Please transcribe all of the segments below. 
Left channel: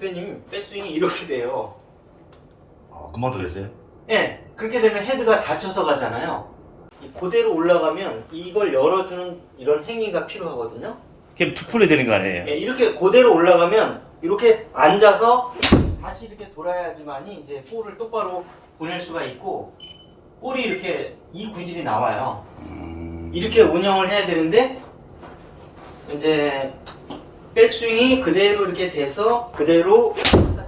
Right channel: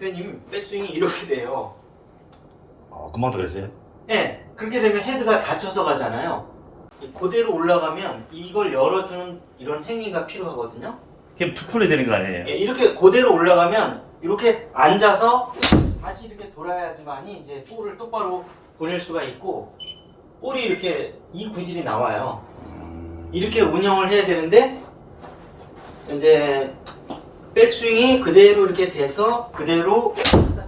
대표님 백스윙이 이렇게 돼요. 금방 들어있어요? 예, 그렇게 되면 헤드가 닫혀서 가잖아요. 그대로 올라가면 이걸 열어주는 이런 행위가 필요하거든요. 그냥 풀이 되는 거 아니에요? 예, 이렇게 그대로 올라가면 이렇게 앉아서 다시 이렇게 돌아야지만이 이제 볼을 똑바로 보낼 수가 있고 볼이 이렇게 이 구질이 나와요. 이렇게 운영을 해야 되는데 이제 백스윙이 그대로 이렇게 돼서 그대로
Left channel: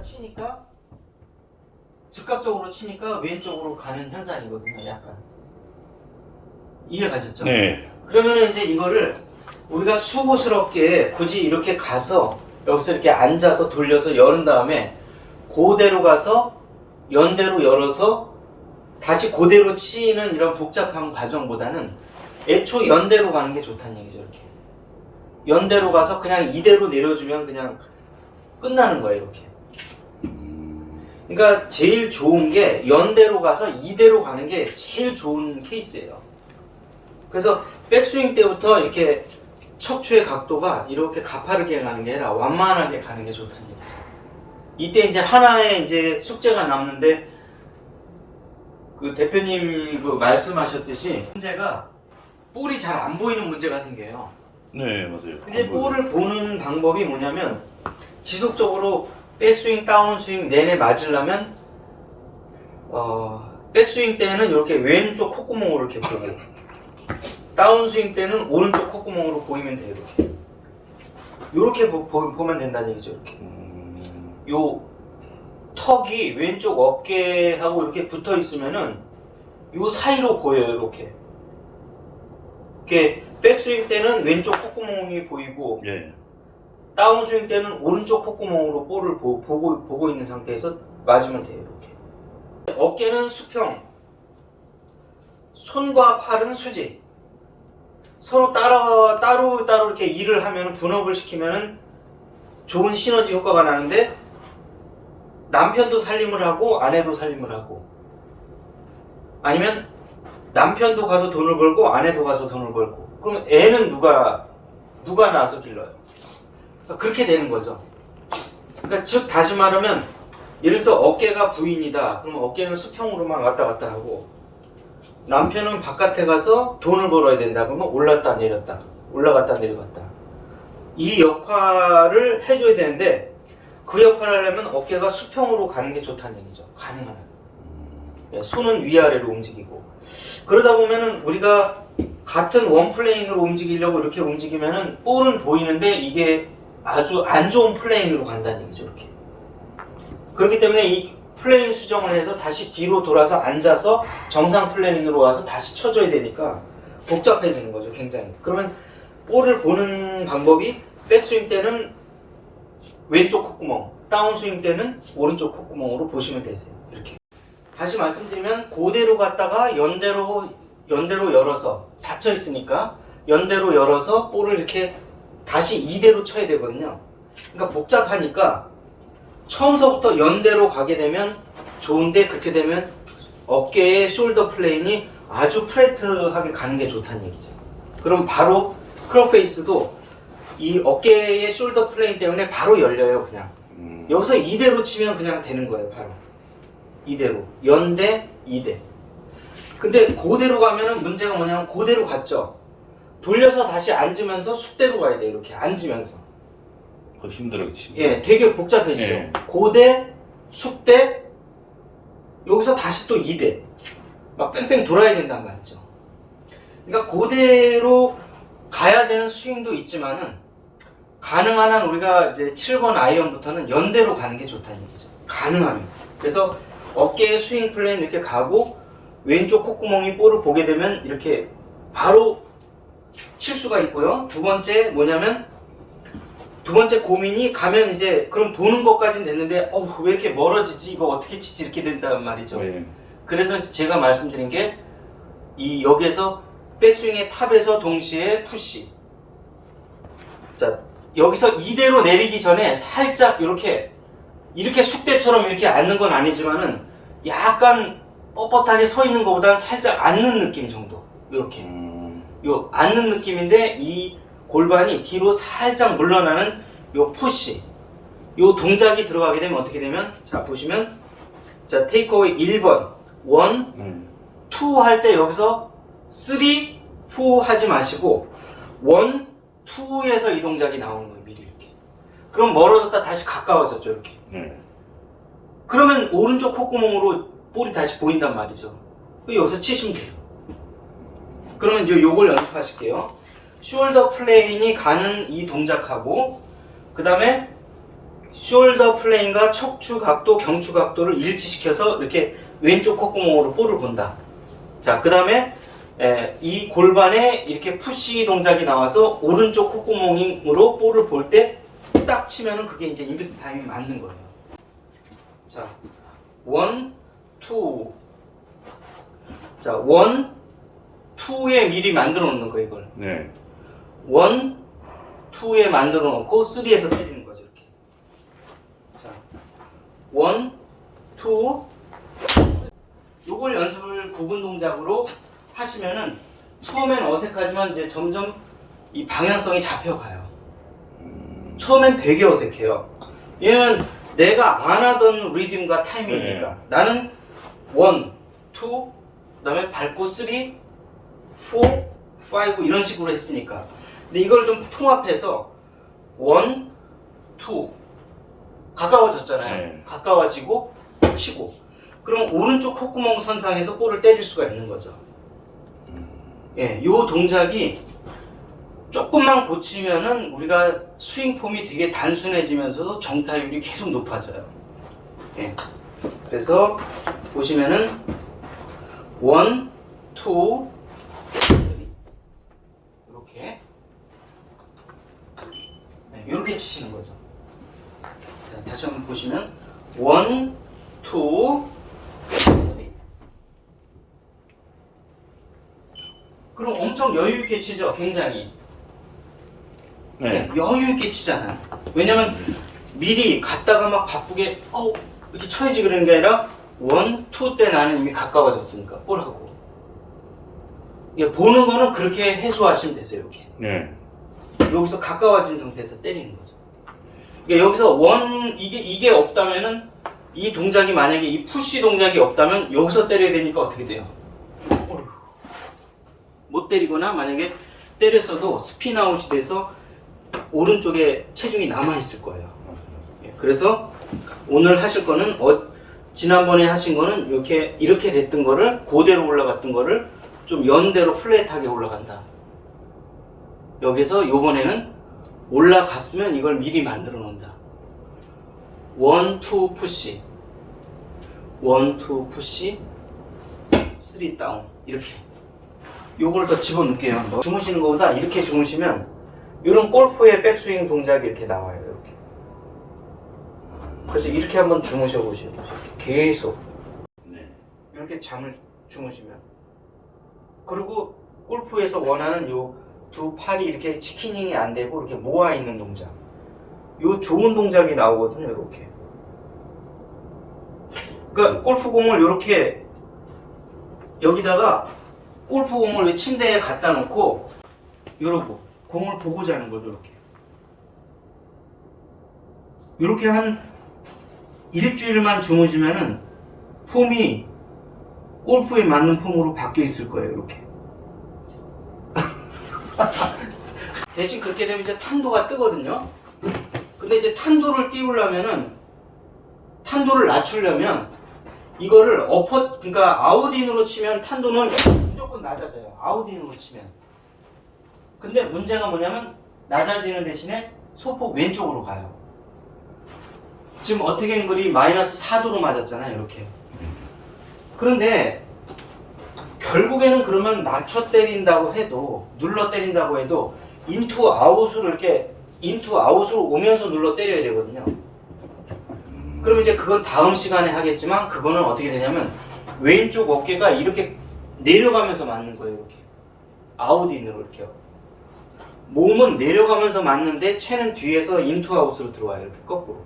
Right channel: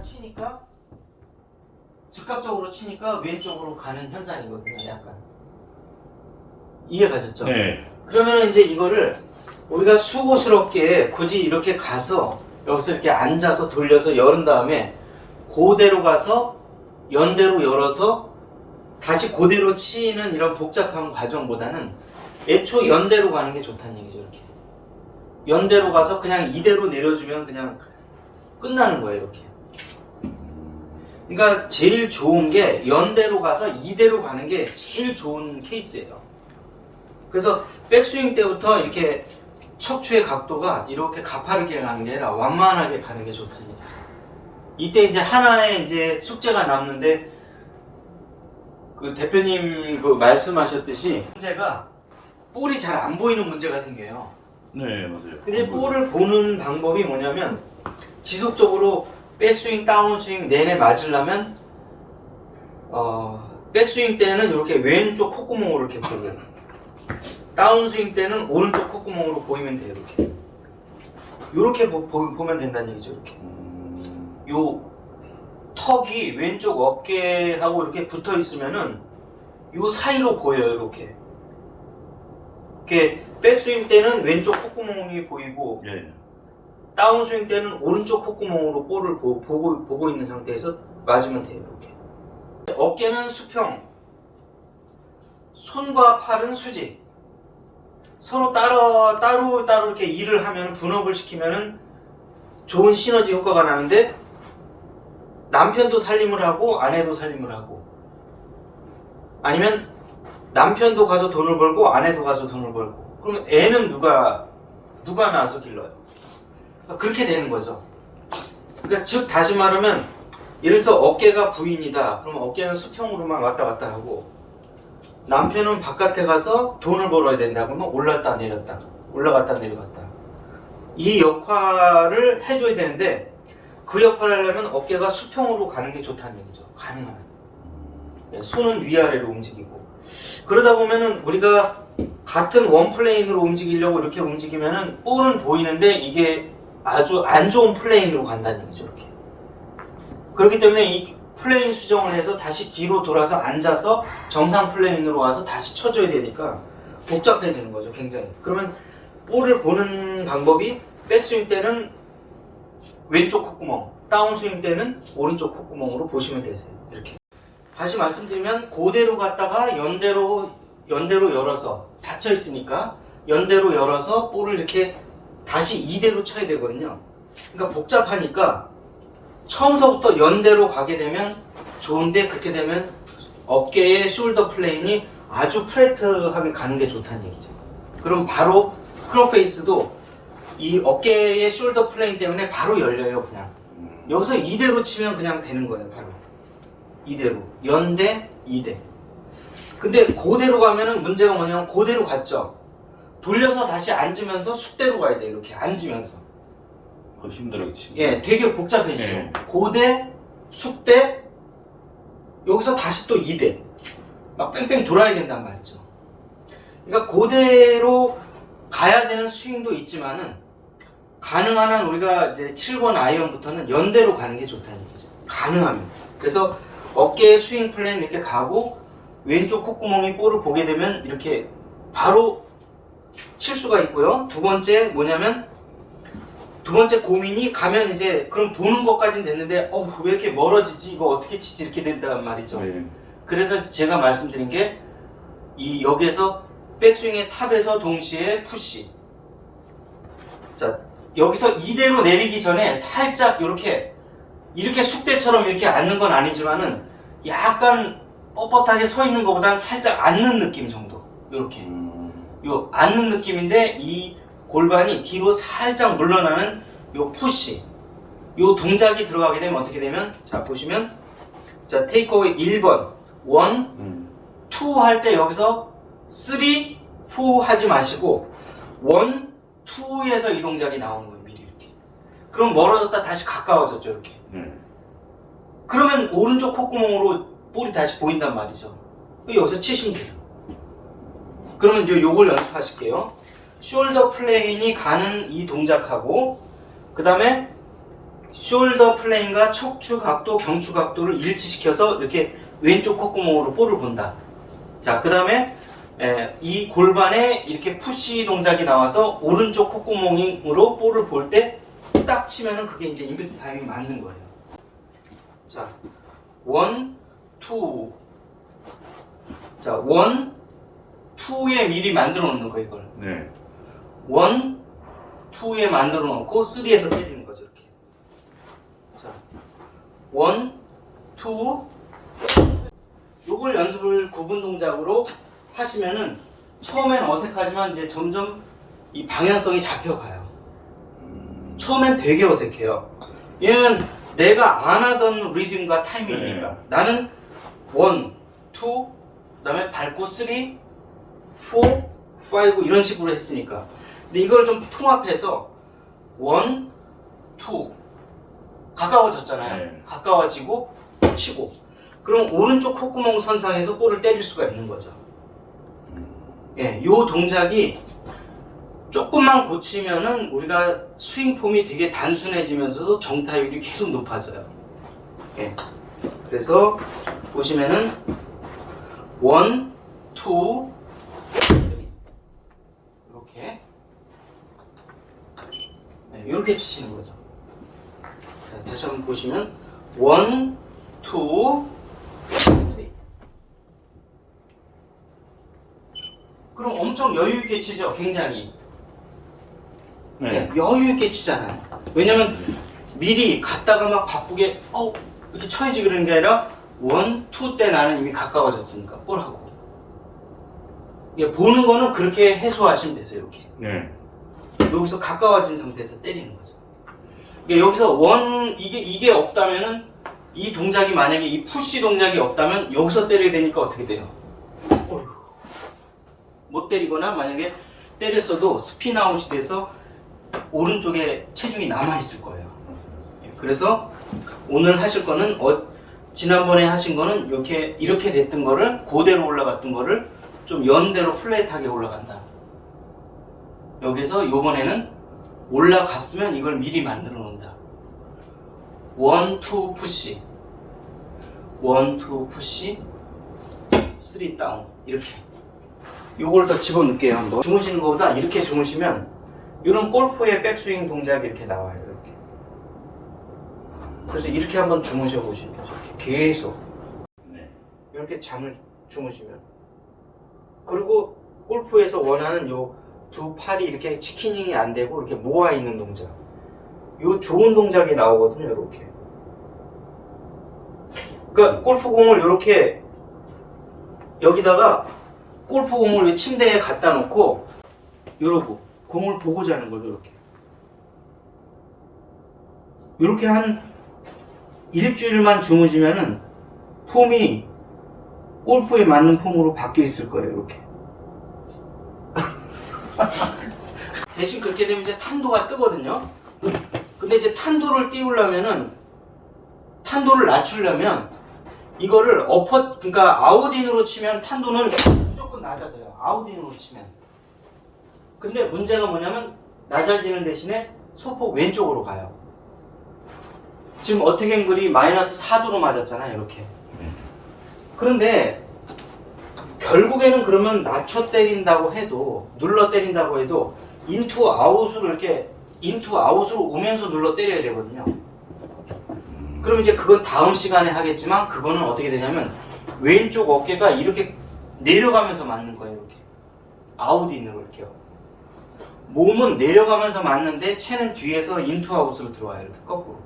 치니까 즉각적으로 치니까 왼쪽으로 가는 현상이거든요. 약간 이해가셨죠? 네. 그러면 이제 이거를 우리가 수고스럽게 굳이 이렇게 가서 여기서 이렇게 앉아서 돌려서 열은 다음에 그대로 가서 연대로 열어서 다시 그대로 치는 이런 복잡한 과정보다는 애초 연대로 가는 게 좋다는 얘기죠. 이렇게 연대로 가서 그냥 이대로 내려주면 그냥 끝나는 거예요. 이렇게. 그러니까 제일 좋은 게 연대로 가서 이대로 가는 게 제일 좋은 케이스예요. 그래서 백스윙 때부터 이렇게 척추의 각도가 이렇게 가파르게 가는 게 아니라 완만하게 가는 게 좋다는 얘기죠. 이때 이제 하나의 이제 숙제가 남는데 그 대표님 그 말씀하셨듯이 문제가 볼이 잘 안 보이는 문제가 생겨요. 네, 맞아요. 근데 볼을 보는 방법이 뭐냐면 지속적으로 백스윙, 다운스윙 내내 맞으려면 백스윙 때는 이렇게 왼쪽 콧구멍으로 이렇게 보고 다운스윙 때는 오른쪽 콧구멍으로 보이면 돼요. 이렇게 보면 된다는 얘기죠. 이렇게 요 턱이 왼쪽 어깨하고 이렇게 붙어 있으면은 요 사이로 보여요. 이렇게 백스윙 때는 왼쪽 콧구멍이 보이고 네. 다운스윙 때는 오른쪽 콧구멍으로 볼을 보고 있는 상태에서 맞으면 돼요. 이렇게 어깨는 수평, 손과 팔은 수직. 서로 따로 이렇게 일을 하면 분업을 시키면은 좋은 시너지 효과가 나는데 남편도 살림을 하고 아내도 살림을 하고 아니면 남편도 가서 돈을 벌고 아내도 가서 돈을 벌고 그럼 애는 누가 낳아서 길러요? 그렇게 되는 거죠. 그러니까 즉 다시 말하면 예를 들어서 어깨가 부인이다. 그러면 어깨는 수평으로만 왔다 갔다 하고 남편은 바깥에 가서 돈을 벌어야 된다. 그러면 올랐다 내렸다 올라갔다 내려갔다 이 역할을 해줘야 되는데 그 역할을 하려면 어깨가 수평으로 가는 게 좋다는 얘기죠. 가능하면 손은 위아래로 움직이고 그러다 보면은 우리가 같은 원 플레인으로 움직이려고 이렇게 움직이면은 볼은 보이는데 이게 아주 안 좋은 플레인으로 간다는 얘기죠. 이렇게 그렇기 때문에 이 플레인 수정을 해서 다시 뒤로 돌아서 앉아서 정상 플레인으로 와서 다시 쳐줘야 되니까 복잡해지는 거죠. 굉장히. 그러면 볼을 보는 방법이 백스윙 때는 왼쪽 콧구멍, 다운스윙 때는 오른쪽 콧구멍으로 보시면 되세요. 이렇게. 다시 말씀드리면 그대로 갔다가 연대로 열어서 닫혀 있으니까 연대로 열어서 볼을 이렇게 다시 이대로 쳐야 되거든요. 그러니까 복잡하니까 처음서부터 연대로 가게 되면 좋은데 그렇게 되면 어깨의 숄더 플레인이 아주 플랫하게 가는 게 좋다는 얘기죠. 그럼 바로 크로페이스도 이 어깨의 숄더 플레인 때문에 바로 열려요. 그냥 여기서 이대로 치면 그냥 되는 거예요. 바로 이대로 연대 이대. 근데 그대로 가면은 문제가 뭐냐면 그대로 갔죠. 돌려서 다시 앉으면서 숙대로 가야 돼요. 이렇게 앉으면서. 더 힘들어 그치? 예, 되게 복잡해지죠. 네. 고대, 숙대, 여기서 다시 또 이대. 막 뺑뺑 돌아야 된단 말이죠. 그러니까 고대로 가야 되는 스윙도 있지만은 가능한 한 우리가 이제 7번 아이언부터는 연대로 가는 게 좋다는 얘기죠. 가능하면. 그래서 어깨의 스윙 플레인 이렇게 가고 왼쪽 콧구멍이 볼을 보게 되면 이렇게 바로 칠 수가 있고요. 두 번째 뭐냐면 두 번째 고민이 가면 이제 그럼 보는 것까지는 됐는데 왜 이렇게 멀어지지? 이거 어떻게 치지? 이렇게 된단 말이죠. 네. 그래서 제가 말씀드린 게 이 여기에서 백스윙의 탑에서 동시에 푸시. 자, 여기서 이대로 내리기 전에 살짝 이렇게 숙대처럼 이렇게 앉는 건 아니지만은 약간 뻣뻣하게 서 있는 것보다는 살짝 앉는 느낌 정도. 이렇게. 요 앉는 느낌인데 이 골반이 뒤로 살짝 물러나는 요 푸시. 요 동작이 들어가게 되면 어떻게 되면 자 보시면 자 테이크어웨이 1번 1, 2 할 때 여기서 3, 4 하지 마시고 1, 2에서 이 동작이 나오는 거예요. 미리 이렇게. 그럼 멀어졌다 다시 가까워졌죠. 이렇게. 그러면 오른쪽 콧구멍으로 볼이 다시 보인단 말이죠. 여기서 치시면 돼요. 그러면 이제 요걸 연습하실게요. 숄더 플레인이 가는 이 동작하고 그 다음에 숄더 플레인과 척추 각도, 경추 각도를 일치시켜서 이렇게 왼쪽 콧구멍으로 볼을 본다. 자, 그 다음에 이 골반에 이렇게 푸시 동작이 나와서 오른쪽 콧구멍으로 볼을 볼 때 딱 치면은 그게 이제 임팩트 타이밍이 맞는 거예요. 자, 1, 2. 자, 1, 2에 미리 만들어 놓는 거 이걸. 1, 2에 만들어 놓고 3에서 때리는 거죠. 이렇게. 자, 1, 2, 3. 요걸 연습을 구분 동작으로 하시면은 처음엔 어색하지만 이제 점점 이 방향성이 잡혀가요. 처음엔 되게 어색해요. 왜냐면 내가 안 하던 리듬과 타이밍이니까. 나는 1, 2, 그다음에 밟고 3, 4, 5 이런 식으로 했으니까. 근데 이걸 좀 통합해서 1, 2 가까워졌잖아요. 가까워지고 치고. 그럼 오른쪽 콧구멍 선상에서 볼을 때릴 수가 있는 거죠. 예, 요 동작이 조금만 고치면은 우리가 스윙 폼이 되게 단순해지면서도 정타율이 계속 높아져요. 예. 그래서 보시면은 1, 2, 3 이렇게 네, 이렇게 치시는 거죠. 자, 다시 한번 보시면 1, 2, 3 그럼 엄청 여유 있게 치죠. 굉장히 네, 여유 있게 치잖아요. 왜냐면 미리 갔다가 막 바쁘게 이렇게 쳐야지 그러는 게 아니라 1, 2 때 나는 이미 가까워졌으니까 볼하고 보는 거는 그렇게 해소하시면 되세요. 이렇게 여기서 가까워진 상태에서 때리는 거죠. 그러니까 여기서 이게 없다면은 이 동작이 만약에 이 푸시 동작이 없다면 여기서 때려야 되니까 어떻게 돼요? 못 때리거나 만약에 때렸어도 스핀 아웃이 돼서 오른쪽에 체중이 남아 있을 거예요. 그래서 오늘 하실 거는 지난번에 하신 거는 이렇게 됐던 거를 그대로 올라갔던 거를 좀 연대로 플랫하게 올라간다. 여기서 요번에는 올라갔으면 이걸 미리 만들어 놓는다. 1, 2 푸시 1, 2 푸시 3 다운 이렇게 요걸 더 집어넣을게요. 한번 주무시는 것보다 이렇게 주무시면 이런 골프의 백스윙 동작이 이렇게 나와요. 이렇게. 그래서 이렇게 한번 주무셔 보시면 계속 이렇게 잠을 주무시면 그리고 골프에서 원하는 요 두 팔이 이렇게 치키닝이 안 되고 이렇게 모아 있는 동작 요 좋은 동작이 나오거든요. 이렇게. 그러니까 골프공을 이렇게 여기다가 골프공을 침대에 갖다 놓고 이러고 공을 보고 자는 거죠. 이렇게 한 일주일만 주무시면은 폼이 골프에 맞는 폼으로 바뀌어 있을 거예요. 이렇게. 대신 그렇게 되면 이제 탄도가 뜨거든요. 근데 이제 탄도를 띄우려면은 탄도를 낮추려면 이거를 그러니까 아웃인으로 치면 탄도는 무조건 낮아져요. 아웃인으로 치면. 근데 문제가 뭐냐면 낮아지는 대신에 소폭 왼쪽으로 가요. 지금 어택앵글이 마이너스 4도로 맞았잖아요. 이렇게. 그런데 결국에는 그러면 낮춰 때린다고 해도 눌러 때린다고 해도 인투 아웃으로 이렇게 인투 아웃으로 오면서 눌러 때려야 되거든요. 그럼 이제 그건 다음 시간에 하겠지만 그거는 어떻게 되냐면 왼쪽 어깨가 이렇게 내려가면서 맞는 거예요. 이렇게 아웃인으로 이렇게 몸은 내려가면서 맞는데 채는 뒤에서 인투 아웃으로 들어와요. 이렇게 거꾸로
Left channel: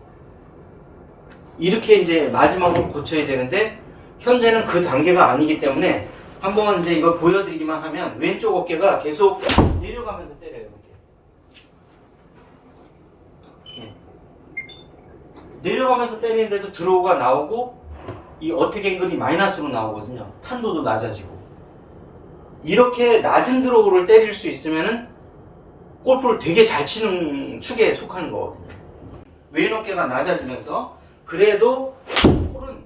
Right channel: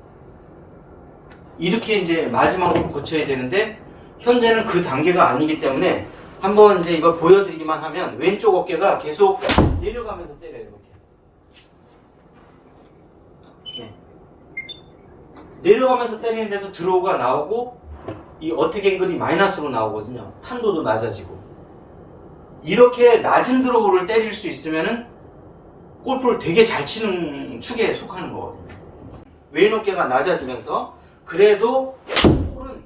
이렇게 이제 마지막으로 고쳐야 되는데 현재는 그 단계가 아니기 때문에 한번 이제 이걸 보여드리기만 하면 왼쪽 어깨가 계속 내려가면서 때려요. 이렇게. 내려가면서 때리는데도 드로우가 나오고 이 어택 앵글이 마이너스로 나오거든요. 탄도도 낮아지고. 이렇게 낮은 드로우를 때릴 수 있으면은 골프를 되게 잘 치는 축에 속하는 거거든요. 왼 어깨가 낮아지면서 그래도 볼은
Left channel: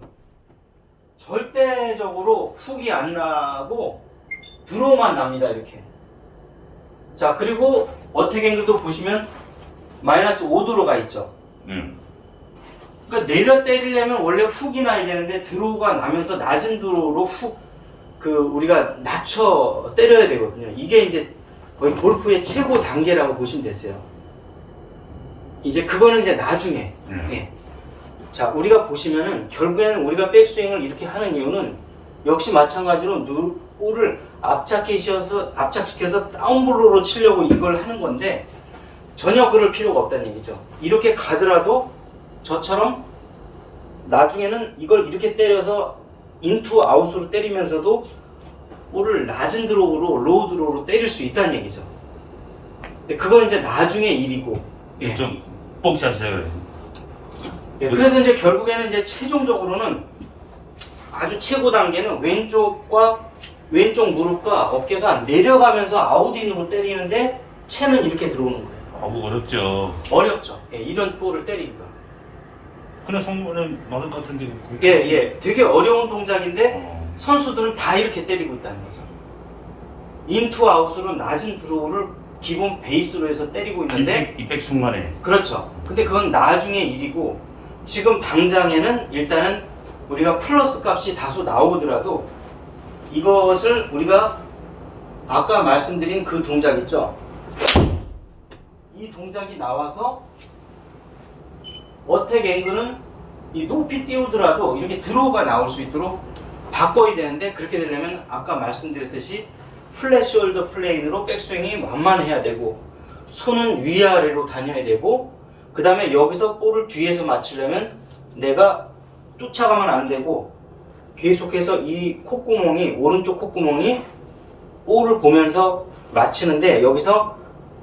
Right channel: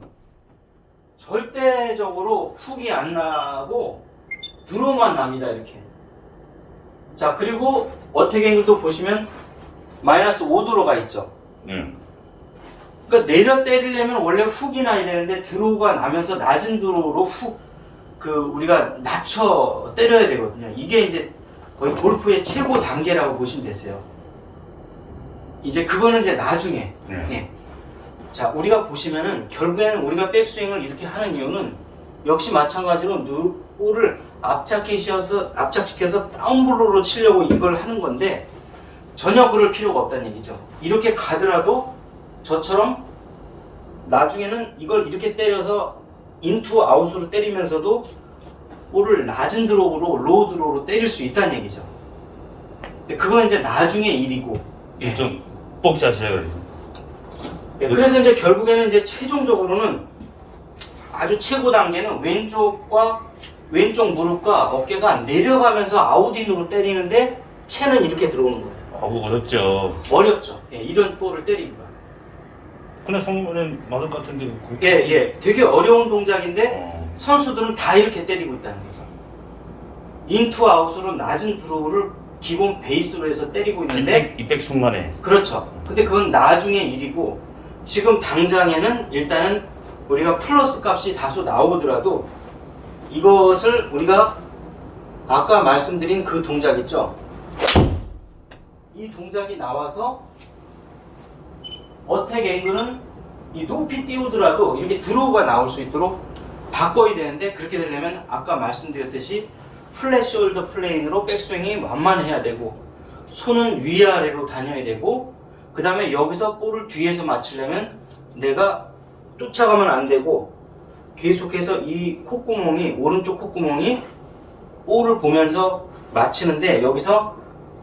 절대적으로 훅이 안 나고 드로우만 납니다. 이렇게. 자, 그리고 어택 앵글도 보시면 마이너스 5도로가 있죠. 그러니까 내려 때리려면 원래 훅이 나야 되는데 드로우가 나면서 낮은 드로우로 우리가 낮춰 때려야 되거든요. 이게 이제 거의 골프의 최고 단계라고 보시면 되세요. 이제 그거는 이제 나중에. 예. 자, 우리가 보시면은 결국에는 우리가 백스윙을 이렇게 하는 이유는 역시 마찬가지로 볼을 압착시켜서 다운블로로 치려고 이걸 하는 건데 전혀 그럴 필요가 없다는 얘기죠. 이렇게 가더라도 저처럼 나중에는 이걸 이렇게 때려서 인투 아웃으로 때리면서도 볼을 낮은 드로우로 로우 드로우로 때릴 수 있다는 얘기죠. 근데 그건 이제 나중에 일이고. 예. 좀 복시하셔야 예, 그래서 이제 결국에는 이제 최종적으로는 아주 최고 단계는 왼쪽 무릎과 어깨가 내려가면서 아웃인으로 때리는데 채는 이렇게 들어오는 거예요. 어렵죠. 어렵죠. 예, 이런 볼을 때리기가. 그냥 성공은 맞을 것 같은데. 예. 되게 어려운 동작인데 선수들은 다 이렇게 때리고 있다는 거죠. 인투 아웃으로 낮은 드로우를 기본 베이스로 해서 때리고 있는데 이백 순간에. 그렇죠. 근데 그건 나중에 일이고 지금 당장에는 일단은 우리가 플러스 값이 다소 나오더라도 이것을 우리가 아까 말씀드린 그 동작 있죠. 이 동작이 나와서 어택 앵글은 이 높이 띄우더라도 이렇게 드로우가 나올 수 있도록 바꿔야 되는데 그렇게 되려면 아까 말씀드렸듯이 플랫 숄더 플레인으로 백스윙이 완만해야 되고 손은 위아래로 다녀야 되고 그 다음에 여기서 볼을 뒤에서 맞추려면 내가 쫓아가면 안 되고 계속해서 이 콧구멍이 오른쪽 콧구멍이 볼을 보면서 맞추는데 여기서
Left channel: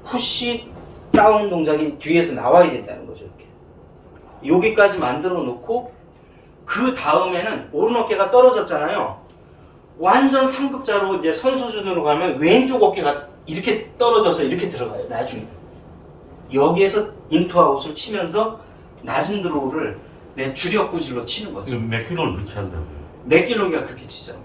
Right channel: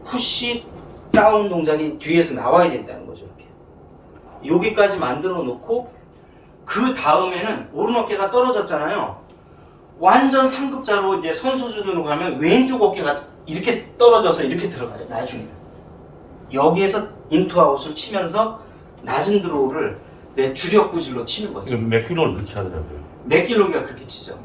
푸시 다운 동작이 뒤에서 나와야 된다는 거죠. 이렇게 여기까지 만들어 놓고 그 다음에는 오른 어깨가 떨어졌잖아요. 완전 상급자로 이제 선수 수준으로 가면 왼쪽 어깨가 이렇게 떨어져서 이렇게 들어가요. 나중에 여기에서 인투 아웃을 치면서 낮은 드로우를 내 주력 구질로 치는 거죠. 몇 킬로를 그렇게 하더라고요. 맥길로기가 그렇게 치죠.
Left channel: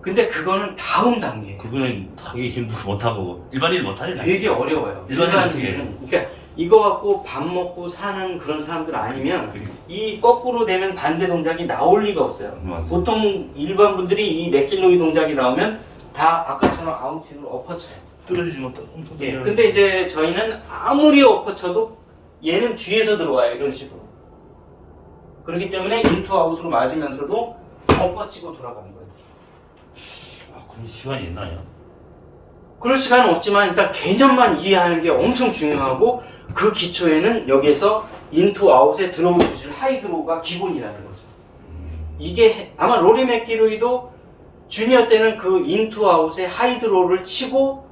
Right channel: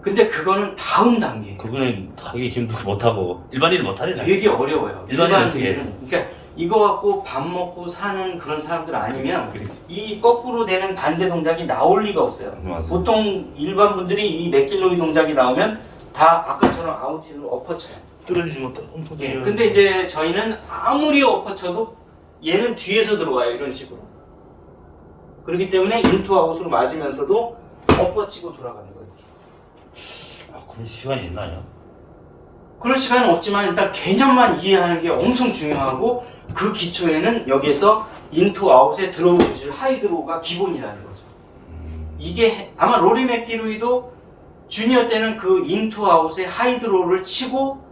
근데 그거는 다음 단계. 그거는 하기 힘들고 못하고 일반인은 못하잖아요. 되게 어려워요. 일반인은 어떻게 일반인은. 그러니까 이거 갖고 밥 먹고 사는 그런 사람들 아니면 그리고 이 거꾸로 되는 반대 동작이 나올 리가 없어요. 맞아요. 보통 일반 분들이 이 맥길로기 동작이 나오면 다 아까처럼 아웃인으로 엎어쳐요. 뚫어지지 못한 엄청. 예, 근데 이제 저희는 아무리 엎어쳐도 얘는 뒤에서 들어와요. 이런 식으로. 그렇기 때문에 인투 아웃으로 맞으면서도 엎어치고 돌아가는 거예요. 그럼 시간이 있나요? 그럴 시간은 없지만 일단 개념만 이해하는 게 엄청 중요하고 그 기초에는 여기에서 인투 아웃에 드로우 구질 하이 드로우가 기본이라는 거죠. 이게 아마 로리 맥기로이도 주니어 때는 그 인투 아웃에 하이 드로우를 치고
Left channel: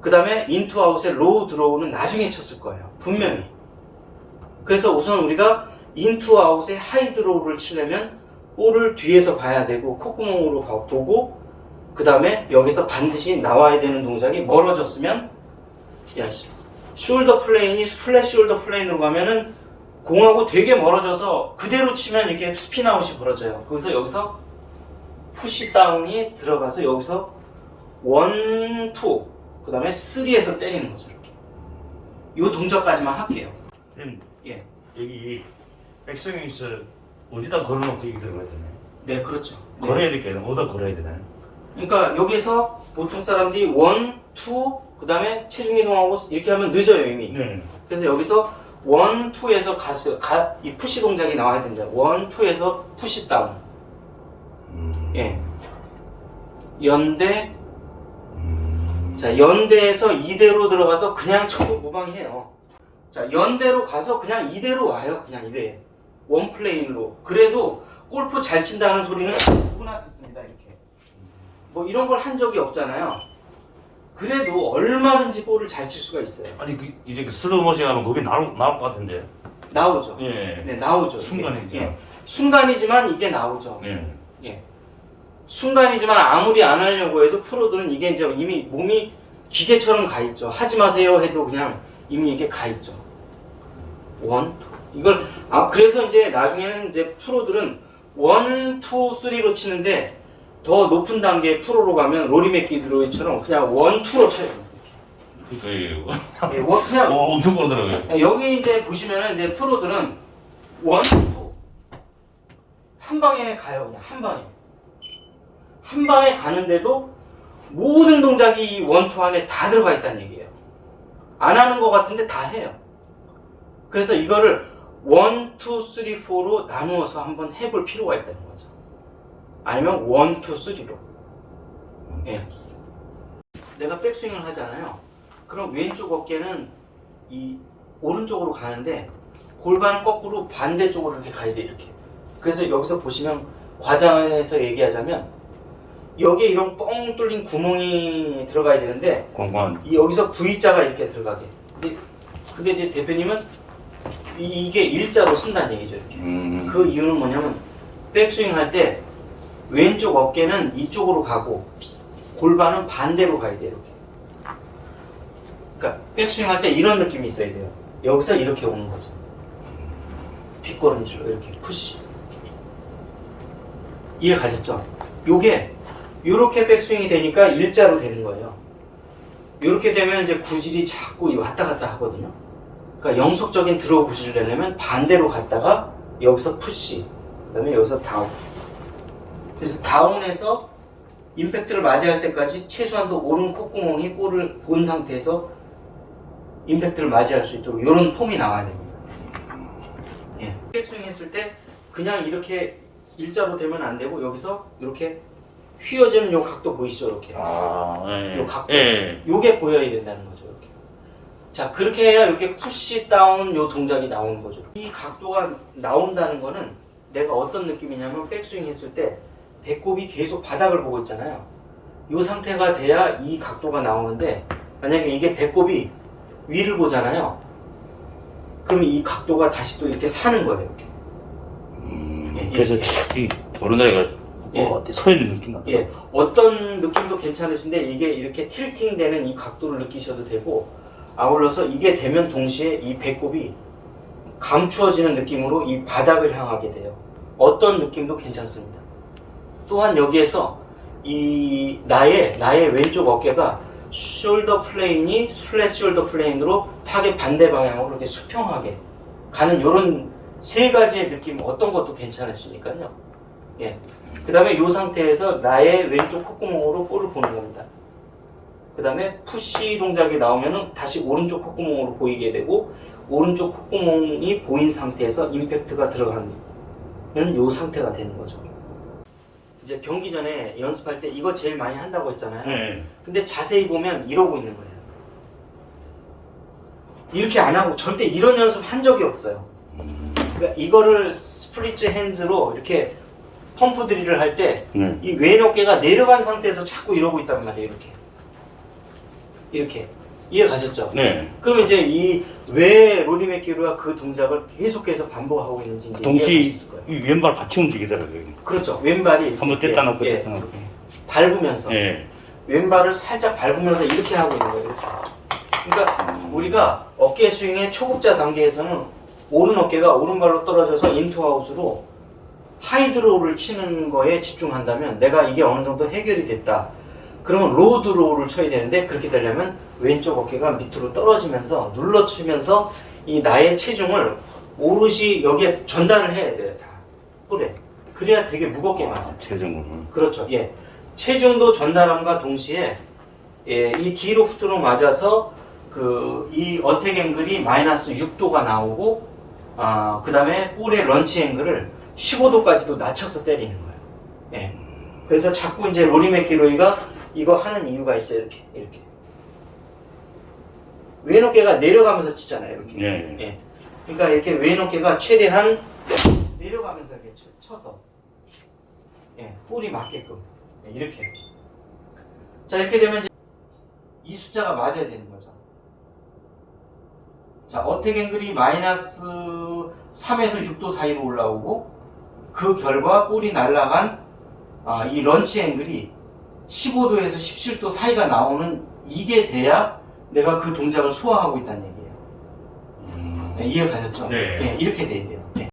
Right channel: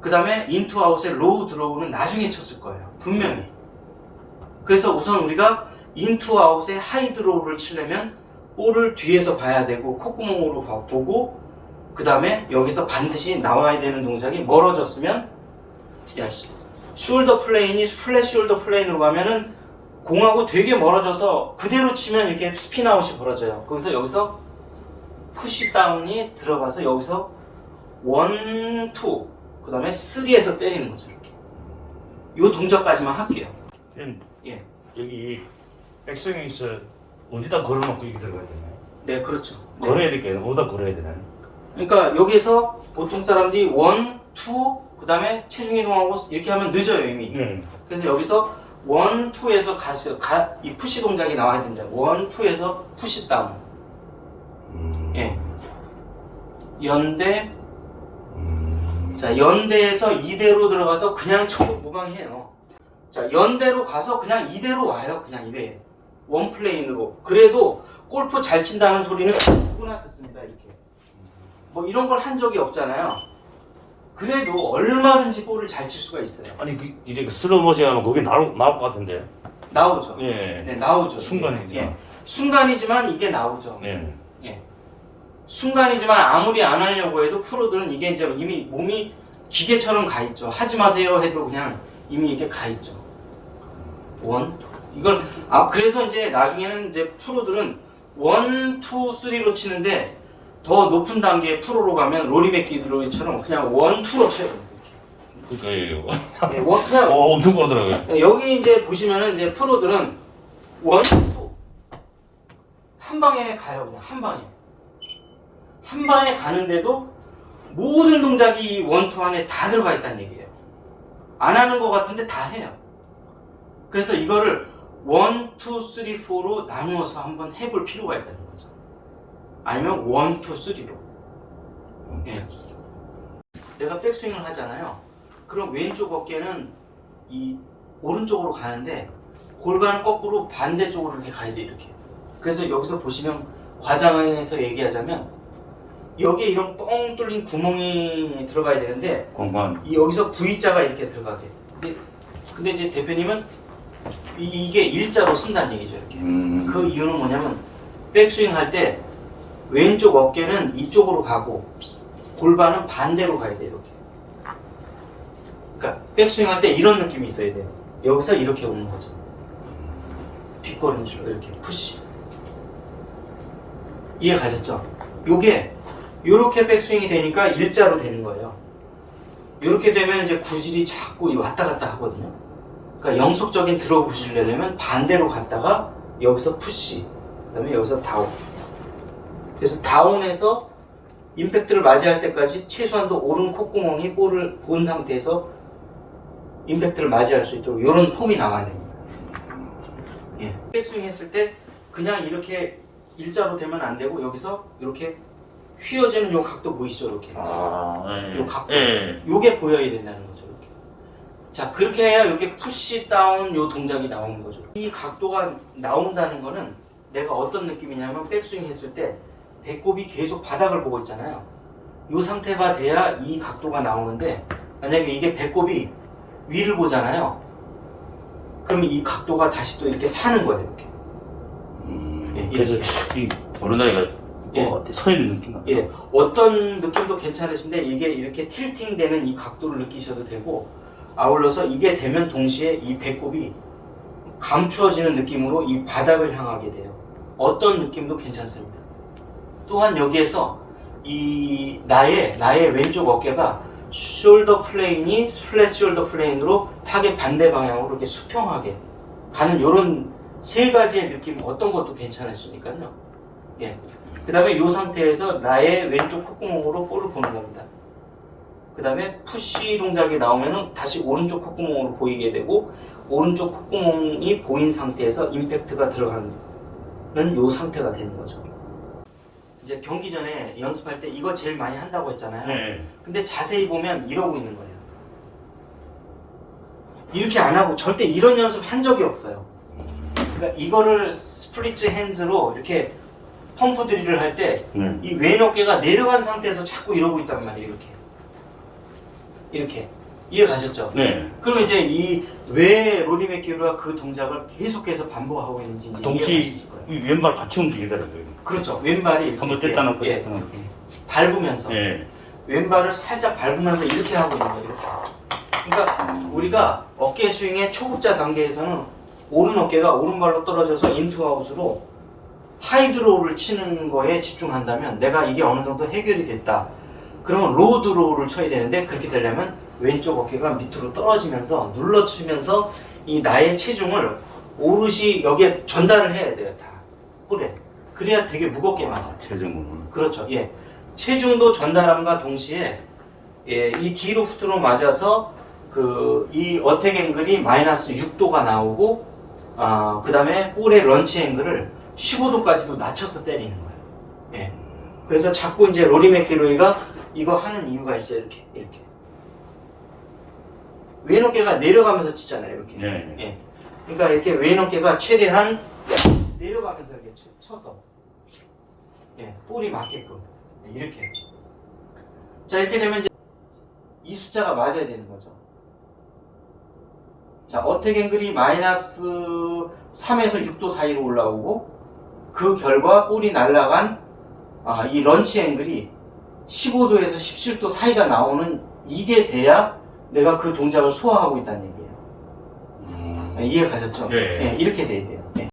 그 다음에 인투 아웃에 로우 드로우는 나중에 쳤을 거예요. 분명히. 그래서 우선 우리가 인투 아웃에 하이 드로우를 치려면 볼을 뒤에서 봐야 되고 콧구멍으로 보고 그 다음에 여기서 반드시 나와야 되는 동작이 멀어졌으면 숄더 플레인이 플랫 숄더 플레인으로 가면은 공하고 되게 멀어져서 그대로 치면 이렇게 스핀 아웃이 벌어져요. 거기서 여기서 푸시 다운이 들어가서 여기서 1, 2, 그 다음에 3에서 때리는 거죠. 이렇게. 이 동작까지만 할게요. 예. 여기 백스윙에서 어디다 걸어놓고 여기 들어가야 되나요? 네, 그렇죠. 네. 걸어야 될까요? 어디다 걸어야 되나요? 그러니까 여기서 보통 사람들이 1, 2, 그 다음에 체중 이동하고 이렇게 하면 늦어요 이미. 네. 그래서 여기서 1, 2에서 이 푸시 동작이 나와야 된다. 1, 2에서 푸시 다운. 예. 연대. 자, 연대에서 이대로 들어가서 그냥 쳐도 무방해요. 자, 연대로 가서 그냥 이대로 와요. 그냥 이래. 원 플레인으로. 그래도 골프 잘 친다는 소리는 누구나 듣습니다. 이렇게. 뭐 이런 걸 한 적이 없잖아요. 그래도 얼마든지 볼을 잘 칠 수가 있어요. 아니 이제 슬로우 모션 하면 녹이 나올 것 같은데. 나오죠. 예. 네, 나오죠. 순간이죠. 예. 순간이지만 이게 나오죠. 네. 예. 순간이지만 아무리 안 하려고 해도 프로들은 이게 이제 이미 몸이 기계처럼 가 있죠. 하지 마세요 해도 그냥 이미 이게 가 있죠. 원, 투. 이걸 그래서 이제 나중에는 이제 프로들은 원, 투, 쓰리로 치는데 더 높은 단계 프로로 가면 로리 맥길로이처럼 그냥 원, 투로 쳐요. 그러니까 네, 그냥 엄청 가더라고요. 여기 이제 보시면은 이제 프로들은 원, 투. 한 방에 가요. 그냥 한 방에. 한 방에 가는데도 모든 동작이 이 원투 안에 다 들어가 있다는 얘기예요. 안 하는 것 같은데 다 해요. 그래서 이거를 1, 2, 3, 4로 나누어서 한번 해볼 필요가 있다는 거죠. 아니면 1, 2, 3로. 예. 내가 백스윙을 하잖아요. 그럼 왼쪽 어깨는 이 오른쪽으로 가는데 골반은 거꾸로 반대쪽으로 이렇게 가야 돼, 이렇게. 그래서 여기서 보시면 과장해서 얘기하자면 여기에 이런 뻥 뚫린 구멍이 들어가야 되는데 공간. 여기서 V자가 이렇게 들어가게. 근데 이제 대표님은 이게 일자로 쓴다는 얘기죠, 이렇게. 그 이유는 뭐냐면 백스윙 할 때 왼쪽 어깨는 이쪽으로 가고 골반은 반대로 가야 돼요, 이렇게. 그러니까 백스윙 할 때 이런 느낌이 있어야 돼요. 여기서 이렇게 오는 거죠. 뒷걸음질로 이렇게 푸시. 이해 가셨죠? 요게 요렇게 백스윙이 되니까 일자로 되는 거예요. 요렇게 되면 이제 구질이 자꾸 왔다 갔다 하거든요. 그러니까 영속적인 드로우 구질을 내려면 반대로 갔다가 여기서 푸시, 그 다음에 여기서 다운. 그래서 다운에서 임팩트를 맞이할 때까지 최소한도 오른 콧구멍이 볼을 본 상태에서 임팩트를 맞이할 수 있도록 이런 폼이 나와야 됩니다. 예. 백스윙 했을 때 그냥 이렇게 일자로 되면 안 되고 여기서 이렇게 휘어지는 요 각도 보이시죠? 이렇게. 예. 요 각도. 예. 요게 보여야 된다는 거죠. 이렇게. 자, 그렇게 해야 이렇게 푸시 다운 요 동작이 나오는 거죠. 이 각도가 나온다는 거는 내가 어떤 느낌이냐면 백스윙 했을 때 배꼽이 계속 바닥을 보고 있잖아요. 요 상태가 돼야 이 각도가 나오는데 만약에 이게 배꼽이 위를 보잖아요. 그러면 이 각도가 다시 또 이렇게 사는 거예요. 이렇게. 예, 그래서 이 오른다리가 예. 서 있는 느낌. 예, 어떤 느낌도 괜찮으신데 이게 이렇게 틸팅 되는 이 각도를 느끼셔도 되고 아울러서 이게 되면 동시에 이 배꼽이 감추어지는 느낌으로 이 바닥을 향하게 돼요. 어떤 느낌도 괜찮습니다. 또한 여기에서 이 나의 왼쪽 어깨가 숄더 플레인이 플랫 숄더 플레인으로 타겟 반대 방향으로 이렇게 수평하게 가는 이런 세 가지의 느낌 어떤 것도 괜찮으시니까요. 예. 그 다음에 이 상태에서 나의 왼쪽 콧구멍으로 볼을 보는 겁니다. 그 다음에 푸시 동작이 나오면 다시 오른쪽 콧구멍으로 보이게 되고 오른쪽 콧구멍이 보인 상태에서 임팩트가 들어가는 이 상태가 되는 거죠. 이제 경기 전에 연습할 때 이거 제일 많이 한다고 했잖아요. 네. 근데 자세히 보면 이러고 있는 거예요. 이렇게 안 하고 절대 이런 연습 한 적이 없어요. 그러니까 이거를 스플릿 핸즈로 이렇게 펌프 드릴을 할 때 이 왼 어깨가 내려간 상태에서 자꾸 이러고 있단 말이에요. 이렇게 이해 가셨죠? 네. 그러면 이제 이 왜 로리 맥기로가 그 동작을 계속해서 반복하고 있는지 이제 동시 이해하실 거예요. 이 왼발 같이 움직이더라고요. 그렇죠. 왼발이 이렇게 한번 뗐다 놓고 예, 뗐다 놓고. 밟으면서 예. 왼발을 살짝 밟으면서 이렇게 하고 있는 거예요. 이렇게. 그러니까 우리가 어깨 스윙의 초급자 단계에서는 오른 어깨가 오른발로 떨어져서 인투아웃으로 하이드로우를 치는 거에 집중한다면 내가 이게 어느 정도 해결이 됐다. 그러면 로드로우를 쳐야 되는데 그렇게 되려면 왼쪽 어깨가 밑으로 떨어지면서 눌러치면서 이 나의 체중을 오롯이 여기에 전달을 해야 돼요. 다 볼에. 그래야 되게 무겁게 맞아요. 체중. 그렇죠. 예. 체중도 전달함과 동시에 예, 이 디로프트로 맞아서 이 어택 앵글이 마이너스 6도가 나오고 그 다음에 볼의 런치 앵글을 15도까지도 낮춰서 때리는 거예요. 예. 그래서 자꾸 이제 로리 맥기로이가 이거 하는 이유가 있어요. 이렇게. 왼 어깨가 내려가면서 치잖아요. 이렇게. 예. 예. 그러니까 이렇게 왼 어깨가 최대한 내려가면서 이렇게 쳐서 예, 볼이 맞게끔 이렇게. 자, 이렇게 되면 이제 이 숫자가 맞아야 되는 거죠. 자, 어택 앵글이 마이너스 3에서 6도 사이로 올라오고 그 결과 볼이 날아간 이 런치 앵글이 15도에서 17도 사이가 나오는 이게 돼야 내가 그 동작을 소화하고 있다는 얘기예요. 이해가 가셨죠? 예. 이렇게 돼야 돼요.